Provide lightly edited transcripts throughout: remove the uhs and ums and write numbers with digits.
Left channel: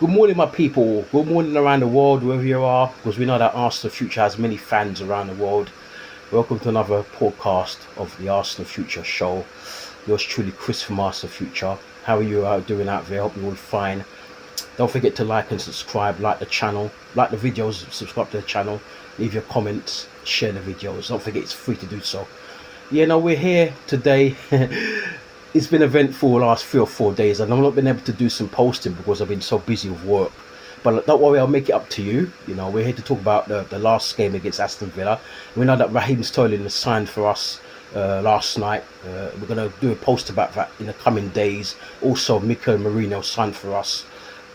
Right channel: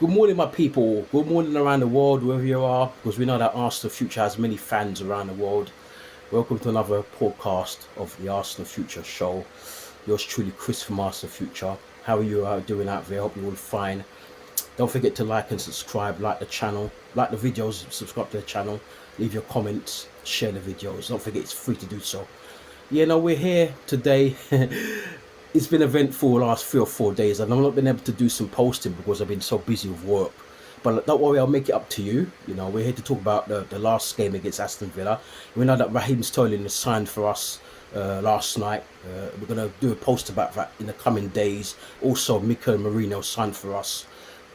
Good morning, my people. Good morning around the world, wherever you are, because we know that Arsenal Future has many fans around the world. Welcome to another podcast of the Arsenal Future show. Yours truly, Chris from Arsenal Future. How are you doing out there? Hope you're all fine. Don't forget to like and subscribe, like the channel, like the videos, subscribe to the channel, leave your comments, share the videos. Don't forget it's free to do so. Yeah, no, we're here today. It's been eventful the last 3 or 4 days, and I've not been able to do some posting because I've been so busy with work. But don't worry, I'll make it up to you. You know, we're here to talk about the last game against Aston Villa. We know that Raheem Sterling has signed for us last night. We're going to do a post about that in the coming days. Also, Mikel Merino signed for us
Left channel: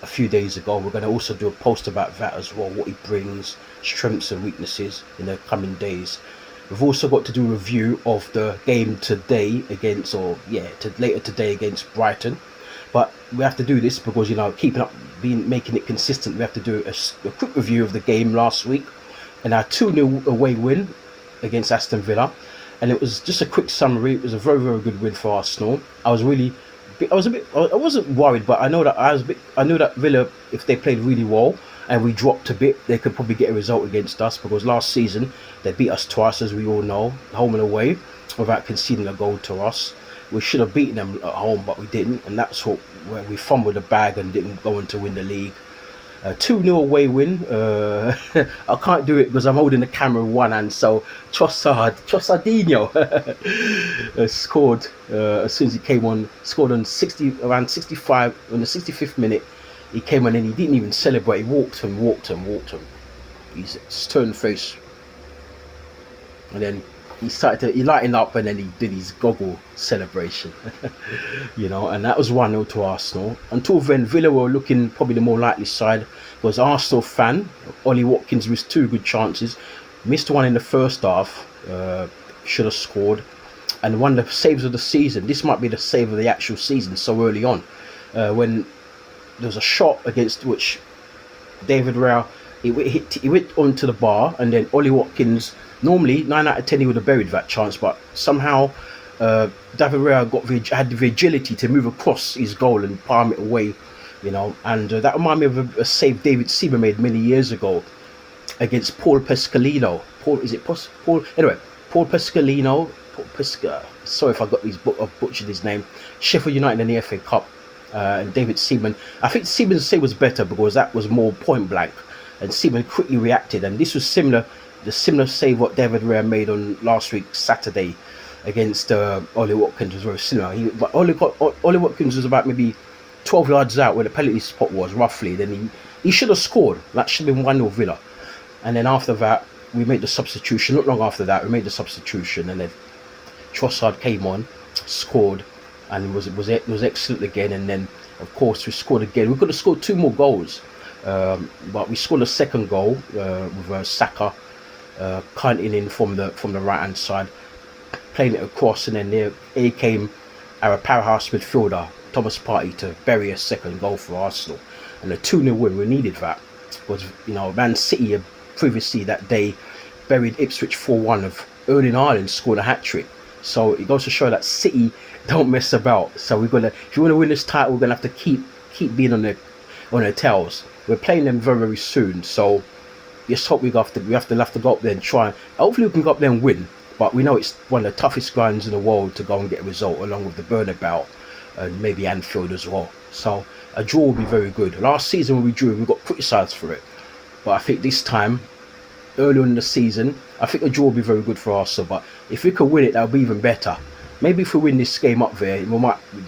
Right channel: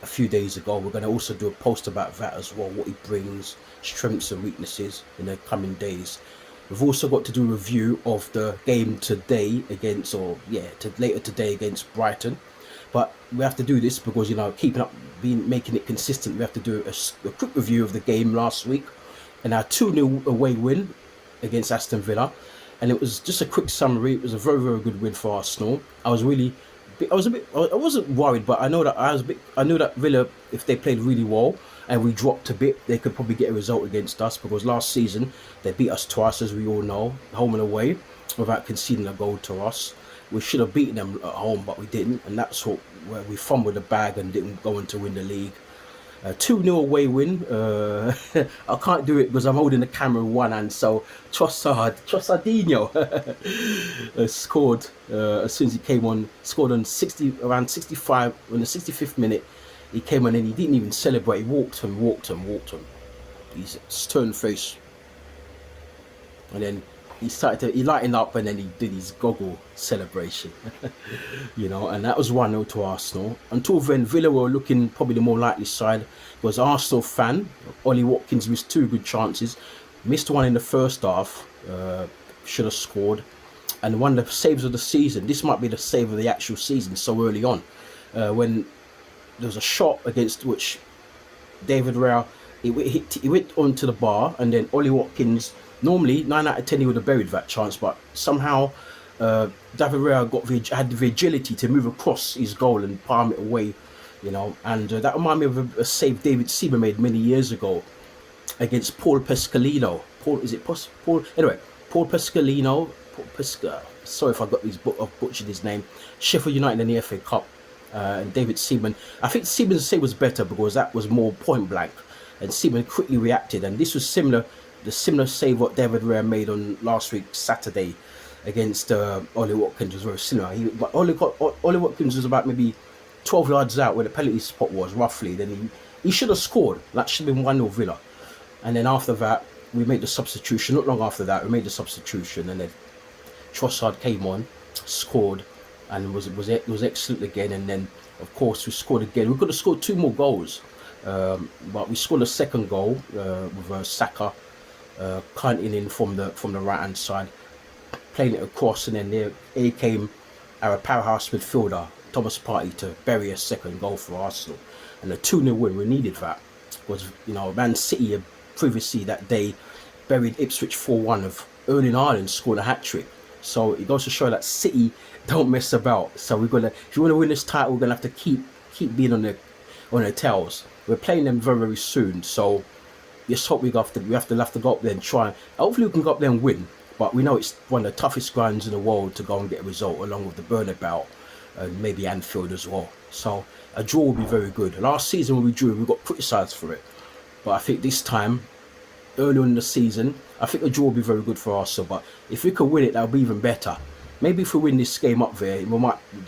a few days ago. We're going to also do a post about that as well, what he brings, strengths and weaknesses in the coming days. We've also got to do a review of the game today later today against Brighton. But we have to do this because, keeping up, making it consistent, we have to do a quick review of the game last week and our 2-0 away win against Aston Villa. And it was just a quick summary. It was a very, very good win for Arsenal. I wasn't worried, but I know that Villa, if they played really well and we dropped a bit, they could probably get a result against us, because last season they beat us twice, as we all know, home and away, without conceding a goal to us. We should have beaten them at home, but we didn't, and that's where we fumbled the bag and didn't go on to win the league. 2-0 away win. I can't do it because I'm holding the camera in one hand. So Trossardinho scored as soon as he came on. Scored on around 65 on the 65th minute. He came on and he didn't even celebrate. He walked him. His stern face, and then he lightened up, and then he did his goggle celebration. And that was 1-0 to Arsenal. Until then, Villa were looking probably the more likely side. Was Arsenal fan. Ollie Watkins missed two good chances. Missed one in the first half. Should have scored. And one of the saves of the season. This might be the save of the actual season so early on. When there was a shot against which David Raya, he went onto the bar, and then Ollie Watkins, normally 9 out of 10 he would have buried that chance, but somehow David Raya had the agility to move across his goal and palm it away, and that reminded me of a save David Seaman made many years ago against Paul Pescalino. Paul Pescalino. Sorry if I got I've butchered his name. Sheffield United in the FA Cup. And David Seaman. I think Seaman's save was better because that was more point blank, and Seaman quickly reacted. And this was similar. The similar save what David Raya made on last week Saturday against Ollie Watkins was very similar. But Ollie Watkins was about maybe 12 yards out where the penalty spot was, roughly. Then he should have scored. That should have been 1-0 Villa. And then after that, we made the substitution. Not long after that, we made the substitution, and then Trossard came on, scored, and was excellent again. And then, of course, we scored again. We could have scored two more goals, but we scored a second goal with Saka cutting in from the right hand side, playing it across, and then there came our powerhouse midfielder Thomas Partey to bury a second goal for Arsenal, and a 2-0 win. We needed that because Man City had previously that day buried Ipswich 4-1. Of Erling Haaland scored a hat-trick. So it goes to show that City don't mess about. So if you want to win this title, we're gonna have to keep being on their tails. We're playing them very, very soon. So let's hope we have to go up there and try. Hopefully we can go up there and win. But we know it's one of the toughest grounds in the world to go and get a result, along with the Bernabeu and maybe Anfield as well. So a draw will be very good. Last season when we drew, we got criticised for it. But I think this time, early on in the season, I think the draw will be very good for Arsenal. But if we could win it, that would be even better. Maybe if we win this game up there, they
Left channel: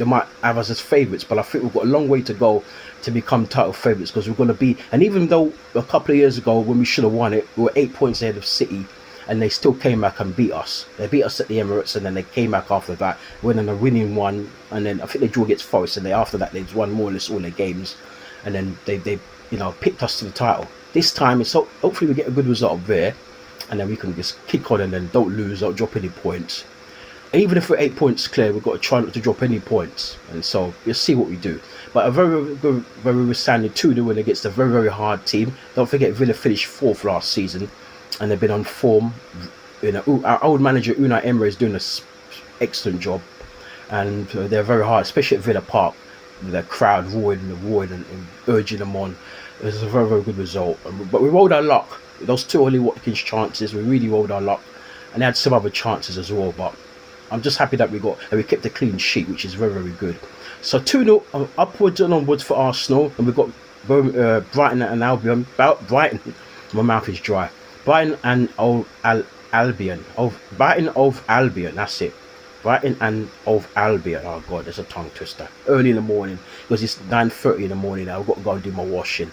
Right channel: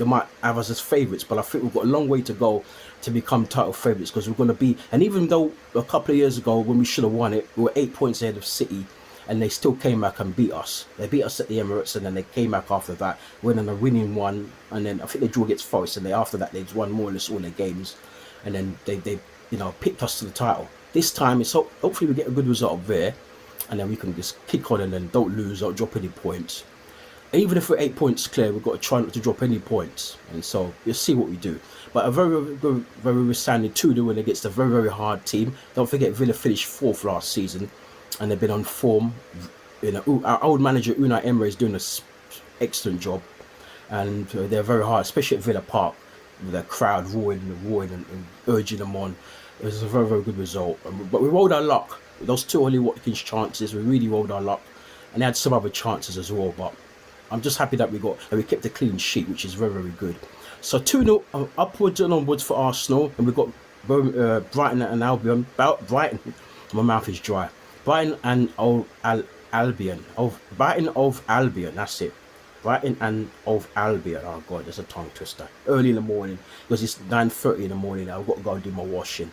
might have us as favourites. But I think we've got a long way to go to become title favourites, because we're going to be. And even though a couple of years ago, when we should have won it, we were 8 points ahead of City, and they still came back and beat us. They beat us at the Emirates, and then they came back after that, winning a winning one. And then I think they drew against Forest, and after that they won more or less all their games, and then they picked us to the title. This time, it's hopefully we get a good result up there, and then we can just kick on and then don't drop any points. And even if we're 8 points clear, we've got to try not to drop any points. And so you'll see what we do. But a very, very, very resounding 2-0 win against a very, very hard team. Don't forget, Villa finished 4th last season, and they've been on form. Our old manager Unai Emery is doing an excellent job, and they're very hard, especially at Villa Park. the crowd roaring and urging them on. It was a very, very good result. But we rolled our luck. Those two Ollie Watkins chances, we really rolled our luck. And they had some other chances as well. But I'm just happy that we kept a clean sheet, which is very, very good. So 2-0 upwards and onwards for Arsenal. And we've got Brighton and Albion. Brighton, my mouth is dry. Brighton and Albion. Brighton of Albion, that's it. Brighton and of Albion. Oh God, there's a tongue twister. Early in the morning, because it's 9:30 in the morning. I've got to go and do my washing,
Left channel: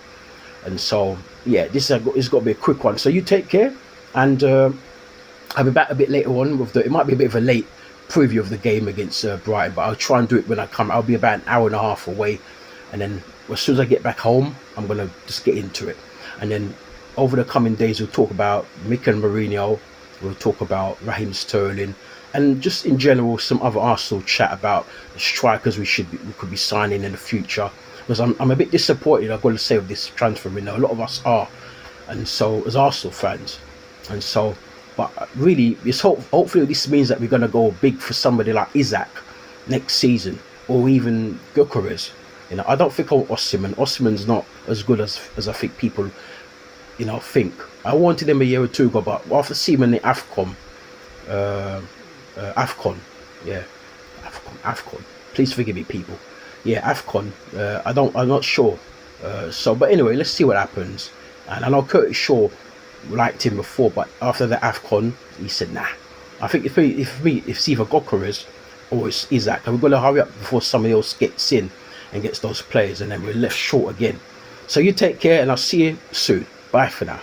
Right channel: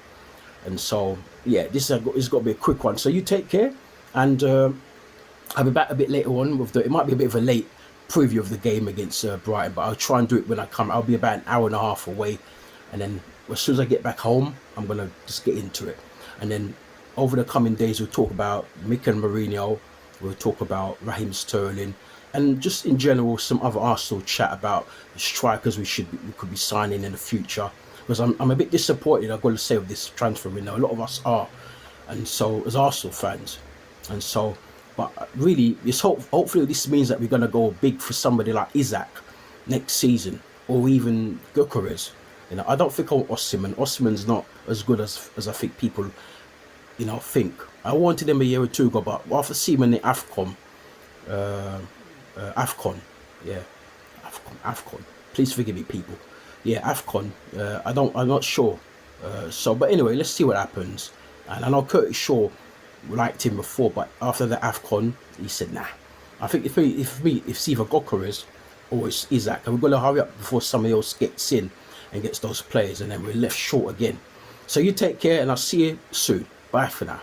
and so yeah, this is got to be a quick one. So you take care, and I'll be back a bit later on with it might be a bit of a late preview of the game against Brighton, but I'll try and do it when I come. I'll be about an hour and a half away, and then as soon as I get back home, I'm gonna just get into it, and then over the coming days we'll talk about Mikel Mourinho, we'll talk about Raheem Sterling, and just in general some other Arsenal chat about the strikers we could be signing in the future, because I'm a bit disappointed, I've got to say, with this transfer window. A lot of us are, and so as Arsenal fans, and so but really hopefully this means that we're going to go big for somebody like Isaac next season, or even Gyökeres. I don't think Osimhen's not as good as I think people think. I wanted him a year or two ago, but after seeing him in the AFCON, yeah, AFCON. Please forgive me, people. Yeah, AFCON. I'm not sure. But anyway, let's see what happens. And I know Curtis Shaw liked him before, but after the AFCON, he said nah. I think if it's either Gyökeres or it's Isaac, and we're going to hurry up before somebody else gets in and gets those players, and then we're left short again. So you take care, and I'll see you soon. Bye for now.